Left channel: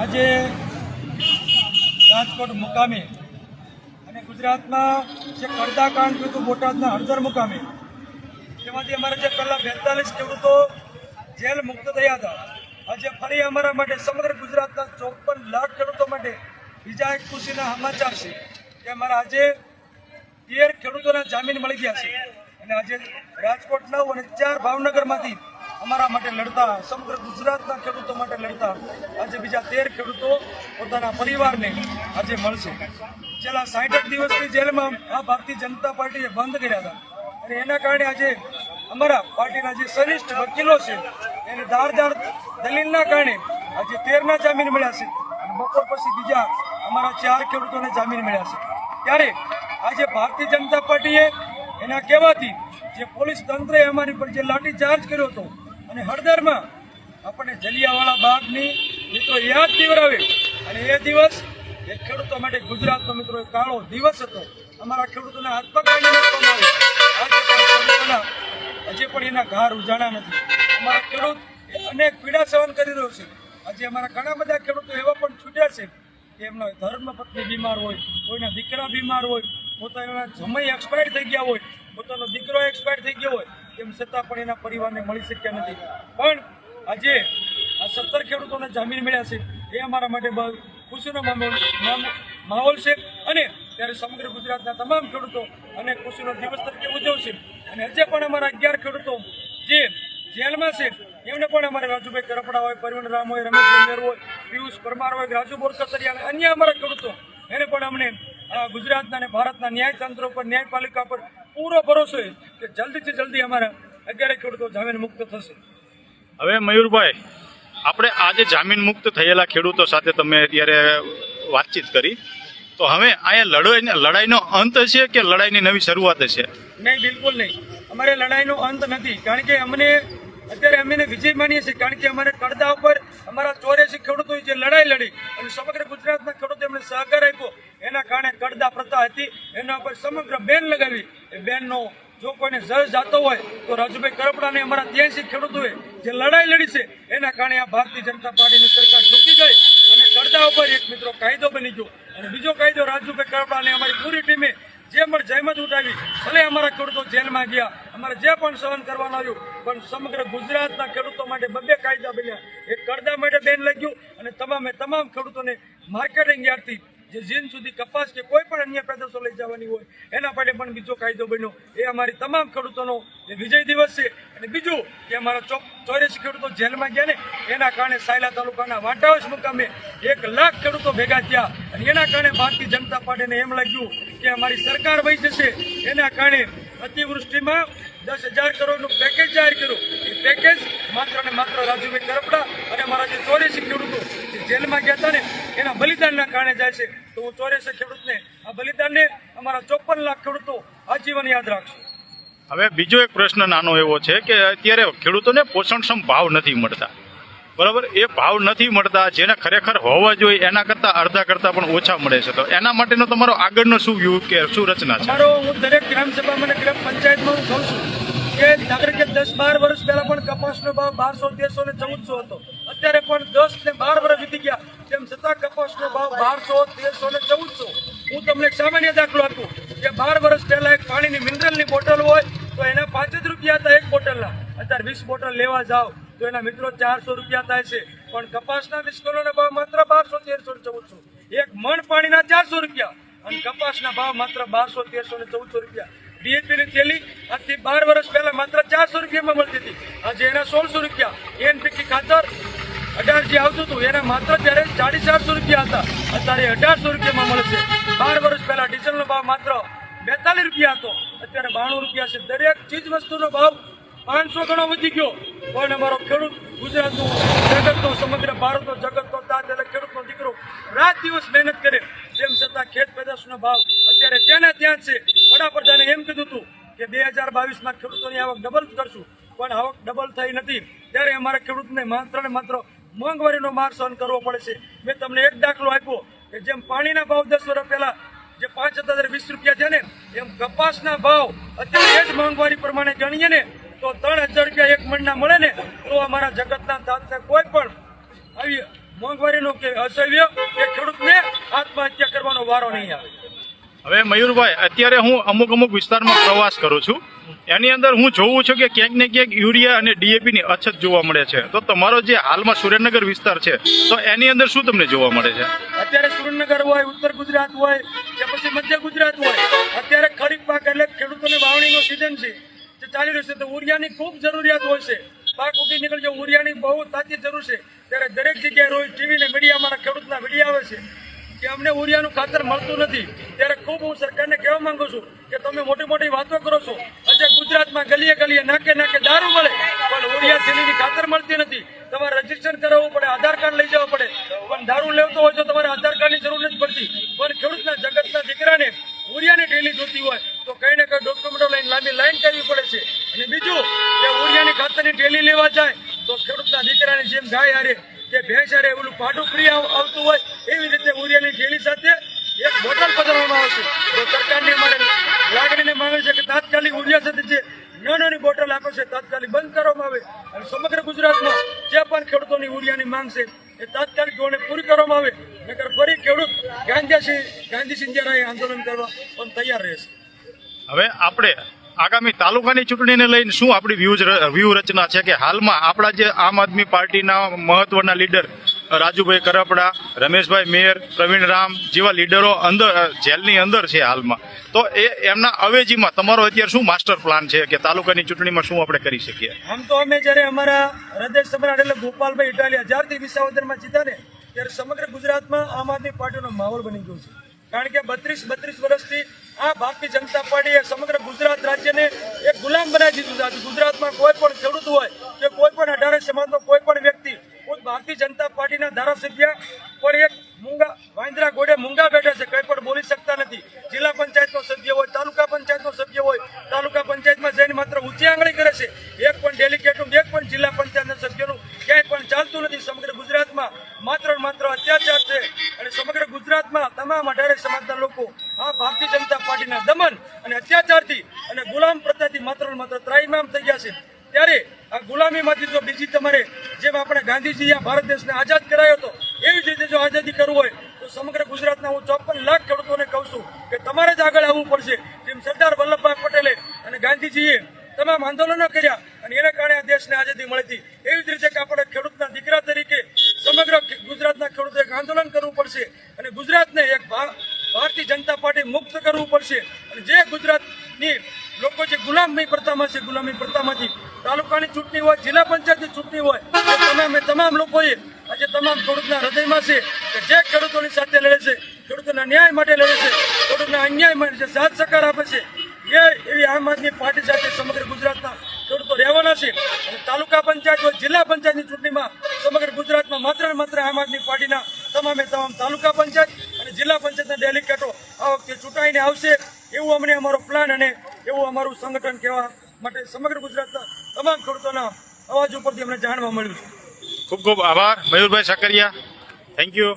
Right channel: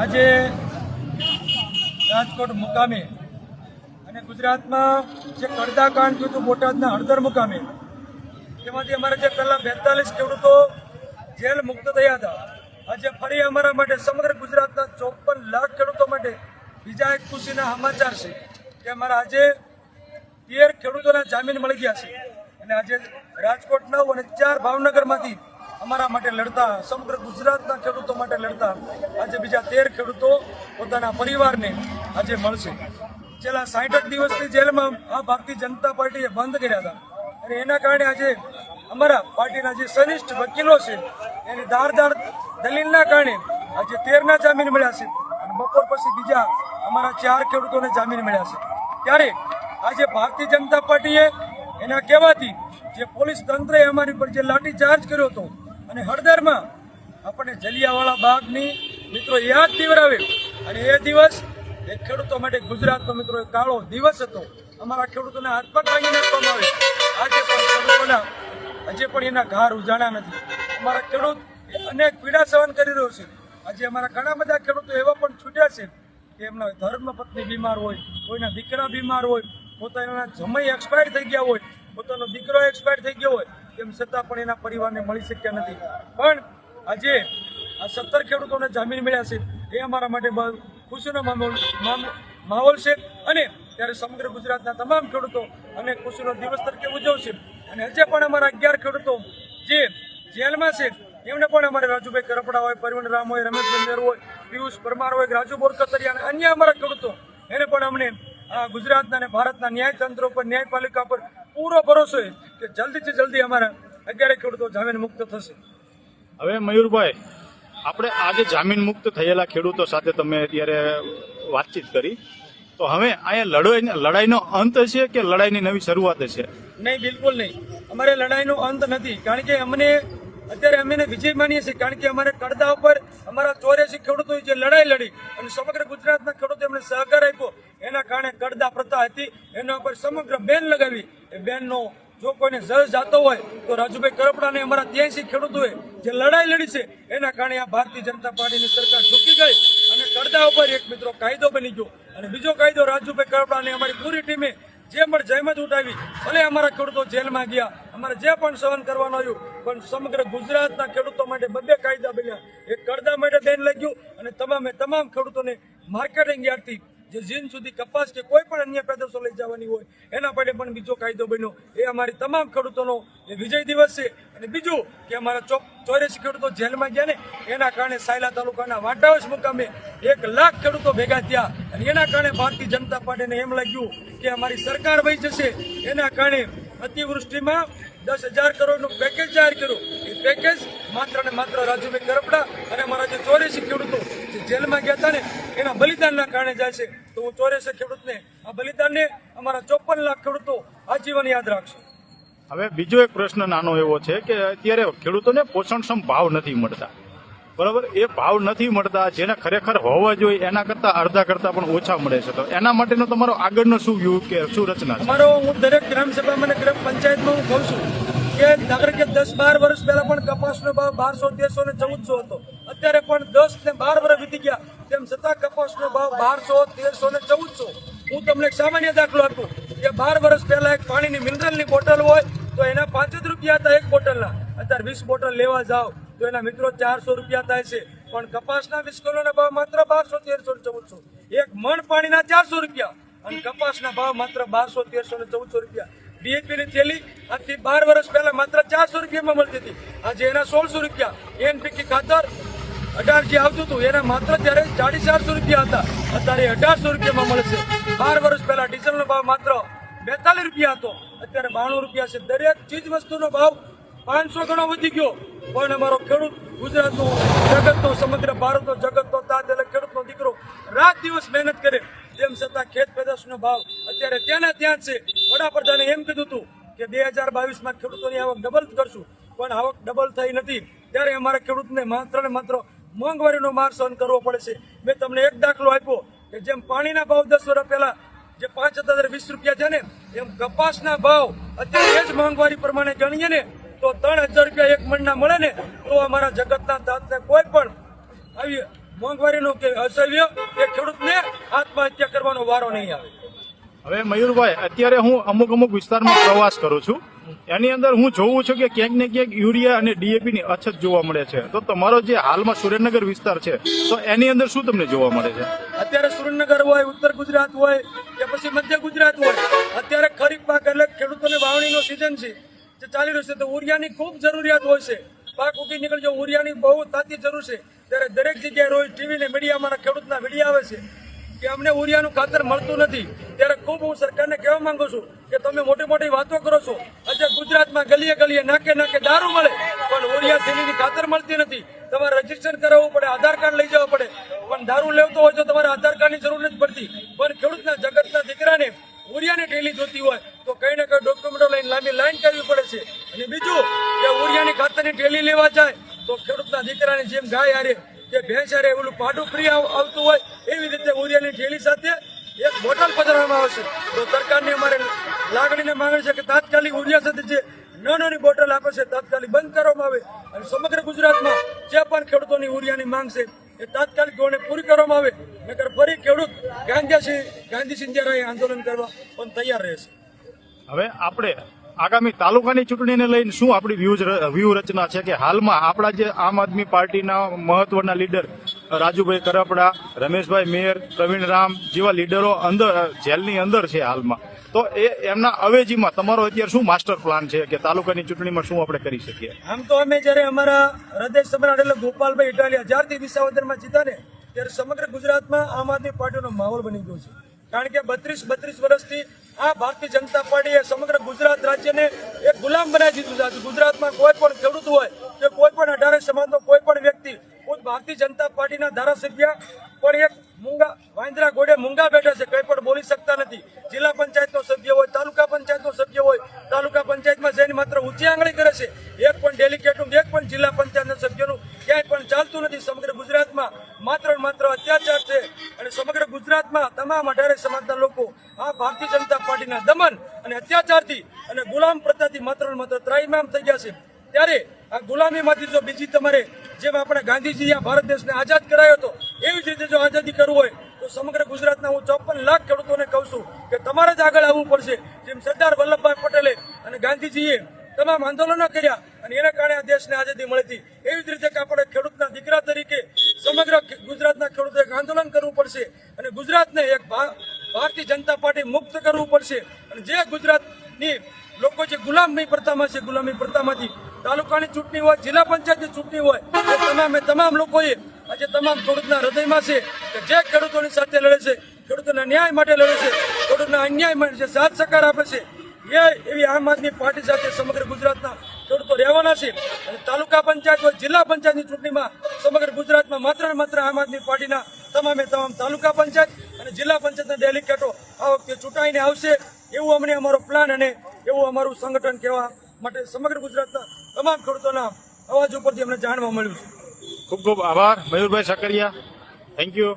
આજે રાજકોટ મુકામે અને ગુજરાતમાં જે કરદા કાંડ થયું હતું, બોટાદના હળદર મુકામે, તેમાંથી અમારા જે પહેલાં બેતાલીસ ખેડૂતો જેલ મુક્ત થયા હતા, આજે ફરી અમારા માટે સમગ્ર ગુજરાતના ચોપન લાખ ખેડૂતો માટે બીજા એક ખુશીના સમાચાર છે કે અમારા આજે તેર ખેડૂતોના જામીન મળી ગયા છે. અને આજે રાજકોટ નવ અને ચાર ભાવનગરમાંથી અમારા માટે લડતા, સમગ્ર ગુજરાતના ખેડૂતો માટે લડતા, આજે બીજા તેર ખેડૂતો પોતાના પરિવારને આજે મળશે. છેલ્લા સાઠ દિવસની જેલમાં આ ભારતીય જનતા પાર્ટીએ બંધ કર્યા હતા. અને એના કારણે આજે અમારા પાર્ટીના જે શ્રેષ્ઠ વકીલો છે, એને ધારદાર દલીલના કારણે આજે તેરના જામીન મળ્યા છે અને બપોર પછી બીજા અમારા ચાર ખેડૂતોને જામીન મળ્યા છે. ત્યારે આજે ભારતીય જનતા પાર્ટીએ એના કહેવાથી જે પોલીસ તંત્રએ અમારી પર જે લાઠીચાર્જ કર્યો હતો અને હળદરમાં આપણને જલિયાવાળા બાગની મિત્રો યાદ દિવરાવે અને એ દિવસ એ ખેડૂતો માટે ગુજરાતનો મિત્રો કાળો દિવસ હતો. અમારા ખેડૂતોને હાથ પગ ભાંગી નાખવામાં આવે આજે પણ ખેડૂતોના હજી પણ એના ઘાર ઉજાણા નથી. અમારા ખેડૂત અનેક પીડા સહન કરી રહ્યો છે. આજે અમારા ઘણા બધા ખેડૂતો એવા પણ છૂટ્યા છે કે એમના ધર્મ પત્ની બીમાર હોય, કોઈના દીકરા બીમાર હોય, પોતાના જમાઈ એક્સપાયર થઈ ગયા હોય, પોતાનો દીકરો એક્સપાયર થઈ ગયો હોય તેમ છતાં પણ એના પરિવારને મળી શક્યા નથી. પણ આજે આ સત્તર ખેડૂતોને જામીન મળ્યા છે. એ અમારા માટે ખુશીનો માહોલ છે. અને ત્યારે સમગ્ર ગુજરાતના તમામ ખેડૂતો અને ખુશીનો દિવસ તરીકે ઉજવશે. અને હજે પણ અમારા અગિયાર ખેડૂતો જે જેલમાં છે, એમને પણ અમારે રાજુભાઈ કરપડા હોય પરવીણ રામ હોય, રમેશભાઈ મેર હોય, પિયુષ પરમાર હોય, રાજુ બોરકતરિયા અને અન્ય અમારા ખેડૂતો, એને પણ અમને ગુજરાતના અને ભારતના ન્યાયતંત્ર પર, ન્યાયપાલિકા પર પૂરો ભરોસો કે જલ્દીથી જલ્દી અમારા અગિયાર ખેડૂતો જામીન મુક્ત થશે. હવે મયુરભાઈ આપણે આજે જામીન મુક્ત થયેલા ખેડૂતો સાથે તમે અત્યારે વાતચીત કરી. તો હવે અહીંયા લડાઈ લડાઈનો અંત છે કે લડાઈની નવી શરૂઆત છે? નહીં બિલકુલ નહીં. અમારે લડાઈનો અંત નથી. કારણ કે અમને અત્યારે અમે વિજય માનીએ છીએ. કારણ કે અમારે કડદા ઉપર અમારા ચોર્યાસી ખેડૂતોએ જે લડાઈ લડી અને સમગ્ર ગુજરાતના ખેડૂતો એમણે સહકાર આપ્યો. એના કારણે કડદા પ્રથા હતી. એના ઉપર સમગ્ર બેન લગાવી. બેનનો જો કોઈને જજ જાતો હોય, તો રાજુભાઈ કરપડાને અમારા ત્યાંસી ખેડૂતોએ જે લડાઈ લડી છે, એના કારણે આ ભારતીય જનતા પાર્ટીની સરકાર ઝૂકી ગઈ અને કરતા ઉપર એક મિત્રો કાયદો બની ગયો. અને બીજો કાયદો, રાજુભાઈ કરપડાને અમારી પૂરી ટીમે જે પણ જહેમત ઉઠાવી, ભલે અમારા ખેડૂતો જેલમાં ગયા, અમારે જે પણ સહન કરવાનું આવ્યું, પણ સમગ્ર ગુજરાતના ખેડૂતો માટે બબે કાયદા બન્યા. એક કરદા માટે બેન લાગ્યું અને તમામે તમામ ખેડૂતોને માર્કેટિંગ યાર્ડથી જે જીન સુધી કપાસ કે કોઈ પણ અન્ય પેદાશો લઈ જવાની હોય, એના માટે પણ બીજો કાયદો બન્યો. એ અમારી તમામ ખેડૂતોનો વિજય દિવસ છે. અને બીજું કે અમારા ચોક ખેડૂતો જેલમાં ગયા ને, એના કારણે સાયલા તાલુકાના વાટાવસ મુકામે એક લાખ ખેડૂતો ભેગા થયા. અને એના કારણે ભારતીય જનતા પાર્ટીને એમ લાગ્યું કે અમારી સરકાર વહી જશે. એના કારણે અતિવૃષ્ટિમાં દસ હજાર કરોડનું પેકેજ જાહેર કર્યું. એ પેકેજ માત્ર ને માત્ર રાજુભાઈ કરપડા અને અમારા જે ચોર્યાસી ખેડૂતો જેલમાં ગયા એના બલિદાનના કારણે જાય છે. તો હું ચોરેસે ખેડૂતને આ બલિદાનને અમારા ચોપન લાખ ખેડૂતો આજીવન યાદ રાખશે. હવે બીજો એક પ્રશ્ન નાનો એવો છે કે અત્યારે ખેડૂતોને પોષણક્ષમ ભાવ નથી મળતા. બરાબર? એ ભાવ નથી મળતા જેને ખરેખર હોવા જોઈએ એના કરતાં અડધા કરતાં પણ ઓછા મળે છે. તો એના માટેનો તમારો આગળનો શું વ્યૂ કે શું રચના છે? મારો હું દરેક ગ્રામ સભામાં અને ગ્રામ પંચાયતમાં હું કહું છું કે દાખલા કે દસ બાર વર્ષ પહેલા પણ કપાસનો ભાવ બારસો તેરસો ને ચૌદસો હતો. અત્યારે પણ દસ ને બાર વર્ષ વીતી ગયા. તેમ છતાં કપાસનો ભાવ બારસો, તેરસો ને ચૌદસો. હું તમને એક સામાન્ય દાખલો આપું. કે બાર વર્ષ પહેલા એક પાણીની મિનરલની બોટલ હોય, તો એના પાંચ જ રૂપિયા હતા એક બોટલના. અત્યારે વીસ બોટલ લેવા જાઓ, તો એના મિત્રો ચારસો રૂપિયા થાય છે. પણ કપાસના વીસ કિલોના ભાવ માત્ર બારસો, તેરસો ચૌદસો. એક મણ પાણીના ચારસો રૂપિયા. અને કપાસના ભાવ માત્ર બારસો, તેરસો ને ચૌદસો રૂપિયા. ડીએપી ની થેલી આજથી બાર વર્ષ પહેલા માત્ર ચારસો રૂપિયામાં મળતી હતી. આજે એના સોળસો રૂપિયા. એનપીકી ખાતર અઢાર જે આવતું હતું. એના માત્ર ત્યારે સાડી ચારસો રૂપિયા હતા. અત્યારે અઢારસો રૂપિયામાં મળે છે બાર વર્ષ પહેલા ડીઝલનો ભાવ માત્ર બેતાલીસ રૂપિયા હતો. અત્યારે બાણું રૂપિયા છે. દરેક ચીજ વસ્તુનો ભાવ પાંચસો ગણો વધી ગયો. પણ અમારો ખેડૂત? ગુજરાતનો જગતનો સમગ્ર ભારતનો જગતનો તાજ એટલે ખેડૂતનો દીકરો રાત દિવસ મહેનત કરે. તેમ છતાં ખેત પેદાશનો ભાવ અત્યારે ત્યાંના ત્યાં છે. વડાપ્રધાને એમ કીધું હતું કે બે હજાર બાવીસમાં ખેડૂતોની આવક ડબલ કરશું. પણ આવક ડબલ થઈ નથી. ત્યારે અમારા ખેડૂતને માત્ર ને માત્ર મોંઘવારીનો માર સહન કરવો પડે છે. મેં તમને એક દાખલો આપ્યો કે જેમ પાણીના ભાવ દસ વર્ષ પહેલા જે પાંચ હજાર વીસ રૂપિયા છે ને, એમ કપાસના ભાવ અત્યારે એ જ મોંઘવારી પ્રમાણે ગણીએ ને, તો ત્રણ હજાર રૂપિયા એક મણના મળે ને, તો અમારા જગતના તાતને કોઈ પણ આવી મોંઘવારીનું કે અસહ્ય કે ખેડૂતને આત્મહત્યા કરવાનો વારો નહીં આવે. હવે મયુરભાઈ, અત્યારે હું અમુક અમુક વિસ્તારમાં પ્રવાસ કરું છું. એની અંદર હું જોઉં છું કે ક્યાંક ને ક્યાંક યુરિયા અને ડીએપી ની અછત જોવા મળે છે. તો તમારો જે હાલમાં સુરેન્દ્રનગર વિસ્તાર છે, તો એની અંદર શું તમને જોવા મળે છે? અત્યારે સુરેન્દ્રનગર હોય, ઉત્તર ગુજરાત હોય, કે પછી મધ્ય ગુજરાત હોય, અત્યારે ખરીફ પાક એટલે ખેડૂતોને વાવણીનો સિઝન છે, જે ચાલી રહ્યું છે. તો ઉરિયાની ખૂબ જરૂરિયાત હોય છે. પાક ઉગી નીકળજો ઉરિયાની બહુ તાતી જરૂર છે. ત્યારે દરેક જગ્યાએ રોજ ટીવી ને મીડિયામાં ખેડૂતના વીડિયો આવે છે. કે અમને ઉરિયાનું ખાતર મળતું નથી. ત્યારે ખૂબ હું સરકારને કહેવા માંગુ છું કે તમે મોટી મોટી વાતો કરો છો. આજે ગુજરાતમાં ગલીએ ગલીએ નાકે નાકે દારૂ મળે, પણ ઉરિયા થેલીની ખાતર મળતી નથી. તમારે રજીસ્ટ્રેશન કરાવવું પડે, આધાર કાર્ડ લઈ જવું પડે. પણ દારૂ લેવતો હોય તો તમારે આધાર કાર્ડની જરૂર નથી પડતી. પણ ખેડૂતના જગતના દીકરાને ઉરિયાની ટેલી જોતી હોય, તો કંઈ ને કંઈ ડોક્યુમેન્ટો લઈને લાંબી લાઈન કરવી પડે છે. અને બીજું, કે ઉરિયાની ખાતરની ટેલી લેવા જાય, તો ખેડૂતના દીકરાની જેમ ગાય હારે, કે ભેંસ હારે, ઓલું પાડું ફ્રી આવ- આવતું હોય એવી રીતે ઉરિયાની ઠેલી સાથે એક બોટલ પધરાવવામાં આવશે. તો સરકારની અમારે લાગણીને માંગે છે કે તાત્કાલિક ઉરિયા સાથે જે નાનાની બોટલ આપે છે, તાત્કાલિક બંધ કરવામાં આવે અને સમગ્ર ગુજરાતમાં જે પણ ખેડૂતોની ઉરિયાની માંગ છે, એ તાત્કાલિક ધોરણે પૂરી કરવામાં આવે. નકર ફરી ખેડૂત ગાંધીસિંહ ગાંધી સિંધિયારાએ આંદોલન કરવા પણ તૈયાર રહેશે હવે આપણે આગામી તાલુકાની ચૂંટણીને લઈને શું આપણી વ્યૂહ વ્યૂહ રચના છે કે હાલમાં આપણા જે આમ આદમી પાર્ટીના મહત્વના લીડર રાજુભાઈ કરપડા, રમેશભાઈ મેર પ્રવીણ રામ જેવા લીડરો અંદર જેલની અંદર છે હાલમાં. તો એ એમના અવેજીમાં તમારો અત્યારે શું માસ્ટર પ્લાન છે કે તાલુકાની ચૂંટણીમાં શું આપણે કરી શકીએ? આમ તો અમે જ્યારે અમારા હૃદય સમ્રાટ એટલે ગોપાલભાઈ ઇટાલિયા જ્યારથી વિસાવદરમાં જીતા ને, ત્યારે સમગ્ર ગુજરાતમાં આમ આદમી પાર્ટીનો માહોલ બની ગયો છે. કારણ કે બત્રીસ બત્રીસ વર્ષથી આ ભારતીય જનતા પાર્ટીએ સમગ્ર ગુજરાત રાજ્યને એક ગુલામ બનાવી દીધું છે. ગુજરાતમાં કોઈ પણ ખેડૂત હોય કે કોઈ પણ અઢારે સમાજનો કોઈ પણ વ્યક્તિ ભારતીય જનતા પાર્ટીના ધારાસભ્ય પણ એક મૂંગા વાંદરા ઘોડે મૂંગા બેઠા છે, કંઈ પણ બોલી શકતા નથી. જિલ્લા પંચાયતનો સભ્ય હોય, તાલુકા પંચાયતનો સભ્ય હોય, તાલુકા પંચાયતમાં જઈને માત્ર ઊંચી આંગળી કરે છે. એક પણ ડેલિગેટનું એક પણ જિલ્લા પંચાયતના સભ્યનું ક્યાંય પણ ચાલતું નથી. સમગ્ર ગુજરાતમાં માત્ર માત્ર અત્યાચાર છે અને સમગ્ર ગુજરાતમાં તમામ અઢારે સમાજના લોકો આ ભારતીય જનતા પાર્ટીના દમન અને અત્યાચારથી અને ગુલામ પ્રથાથી માત્ર માત્ર ત્રાઈમામ થઈ ગયા છે. ત્યારે આ ગુલામીમાંથી જો બીજી તમારે જેમ આપણે ગાંધીજી ભારત દેશને આઝાદ કરાયો હતો, એવી જ રીતે જો આઝાદી કરવું હોય, તો સમગ્ર ગુજરાતના હું ચોપન લાખ ખેડૂતોને કહું છું કે તમારે જ આગળ આવવું પડશે, જેમ સરદાર વલ્લભભાઈ પટેલે અને ગાંધીજીએ તમામ આંદોલનો કર્યા અને એના કારણે આ દેશને આઝાદી મળી એવી જ રીતે આપણે ખેડૂતના દીકરા તરીકે સમગ્ર ગુજરાતના ખેડૂતો એક આંદોલન કરવું પડશે અને ગુજરાતને એક ભારતીય જનતા પાર્ટી મુક્ત કરવું પડશે. અને જે ગુજરાતની લોકો જે ગુલામી પ્રથામાં છે ગુલામી પ્રથામાંથી તાલુકાની ચૂંટણી હોય, જિલ્લા પંચાયતની ચૂંટણી હોય એ તમામે તમામ લોકોએ આજે તમામ ખેડૂતના હૃદયમાં છે કે જે ખેડૂતોની સાથે લડે છે, ખેડૂતોના ન્યાય માટે લડે છે, ખેડૂતના અન્યાય માટે જે સાથ સહકાર આપે છે, એ એવી આમ આદમી પાર્ટી સાથે સમગ્ર ગુજરાતના ખેડૂતો રહેવાના છે. અને તાલુકા પંચાયત હોય, જિલ્લા પંચાયતની ચૂંટણીમાં સમગ્ર ગુજરાતમાં માત્ર માત્ર આમ આદમી પાર્ટીના તમામે તમામ તાલુકા પંચાયત અને જિલ્લા પંચાયતના ડેલિગેટો આ વખતે ચૂંટાઈને આવશે. એવું અમને અમારો પ્લાન અને એવું અમારું સંગઠન કહેવા માટે સમગ્ર ગુજરાતના તમામ ખેડૂતોના અવાજ ઉપરથી અમને જાણવા મળ્યું છે. ખૂબ ખૂબ આભાર. મયુરભાઈ સકરિયા થેન્ક યુ